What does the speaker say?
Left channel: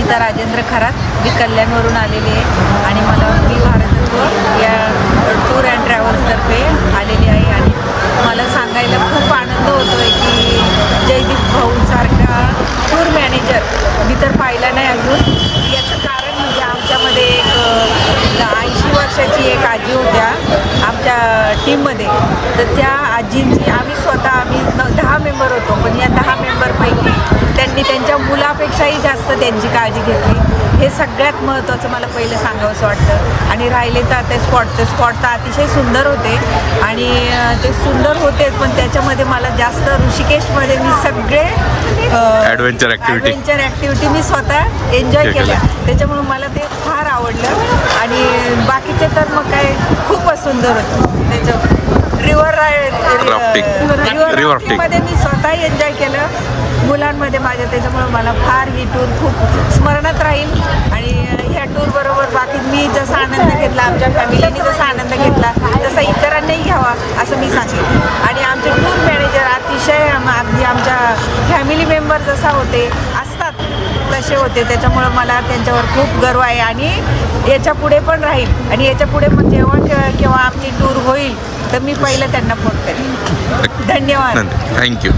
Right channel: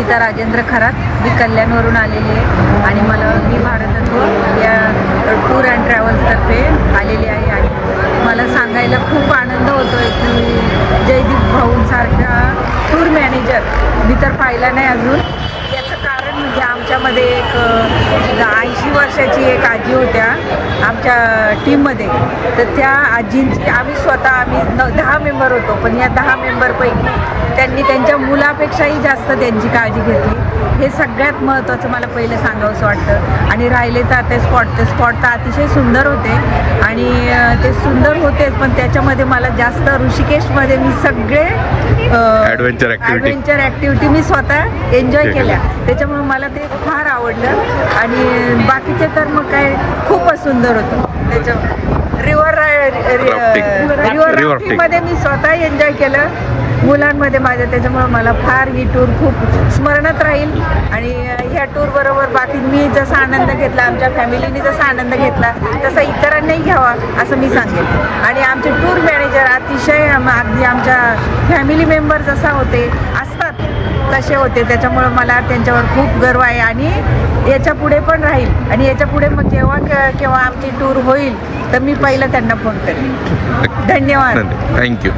अनिता राजेंद्र खरात. मी कल्याणवरून आलेले आहे आणि मी भारतत्व या टूर अँड ट्रॅव्हल्सतर्फे आलेले आहे आणि मला सांगायला खूप आनंद होतो आहे की जयदीप भाऊंसारखा टूर मॅनेजर मी तर पाहिला नाही अजून. याचं कारण म्हणजे आमच्यामध्ये एक 80 वर्षाची एक आजी होत्या आमच्या टीममध्ये. तर त्या आजींची आम्ही 10 मेंबर होतो, पण या 10 मेंबरपैकी त्यांनी त्यांच्या मुलापेक्षाही जास्त त्यांची काळजी घेतली. हे सगळ्यात महत्त्वाचं मला पहिलं सांगावंसं वाटतं. आणि राहिले तर ते स्पॉट तर अतिशय सुंदर होते आणि ते सुंदर होतेच, पण त्याच्यामध्ये मला जास्त ऋषिकेशमध्ये मी सगळे ॲडव्हेंचर ॲक्टिव्हिटी मी स्वतः एन्जॉय केल्या. त्याच्यामुळे मला ते फार आवडलं आणि बाकीचे तर मग काय खूपच सुंदर होतं. त्याचं रिव्हर राफ्टिंगमध्ये मी स्वतः एन्जॉय केलं मुलांमध्ये माझ्या. त्याच्यामुळे मला फार ही टूर खूप स्मरणात राहील आणि ह्या टूरबरोबर बाकी मी जसा आनंद घेतला, आमच्या फॅमिलीने जसा आनंद घेतला तसा इतरांनाही घ्यावा असं मी सांगेन. आणि आमचे टूर मॅनेजर अतिशय अगदी आमच्या फॅमिली मेंबर जसा असतात तसे होते. त्याच्यामुळं मला त्यांच्यावर खूप गर्व आहे आणि याच्या पुढे पण राहील. आणि याच्या पुढे पण केव्हा आमची टूर होईल तर मी पहिलं त्यांना फोन करेन. धन्यवाद. थँक्यू.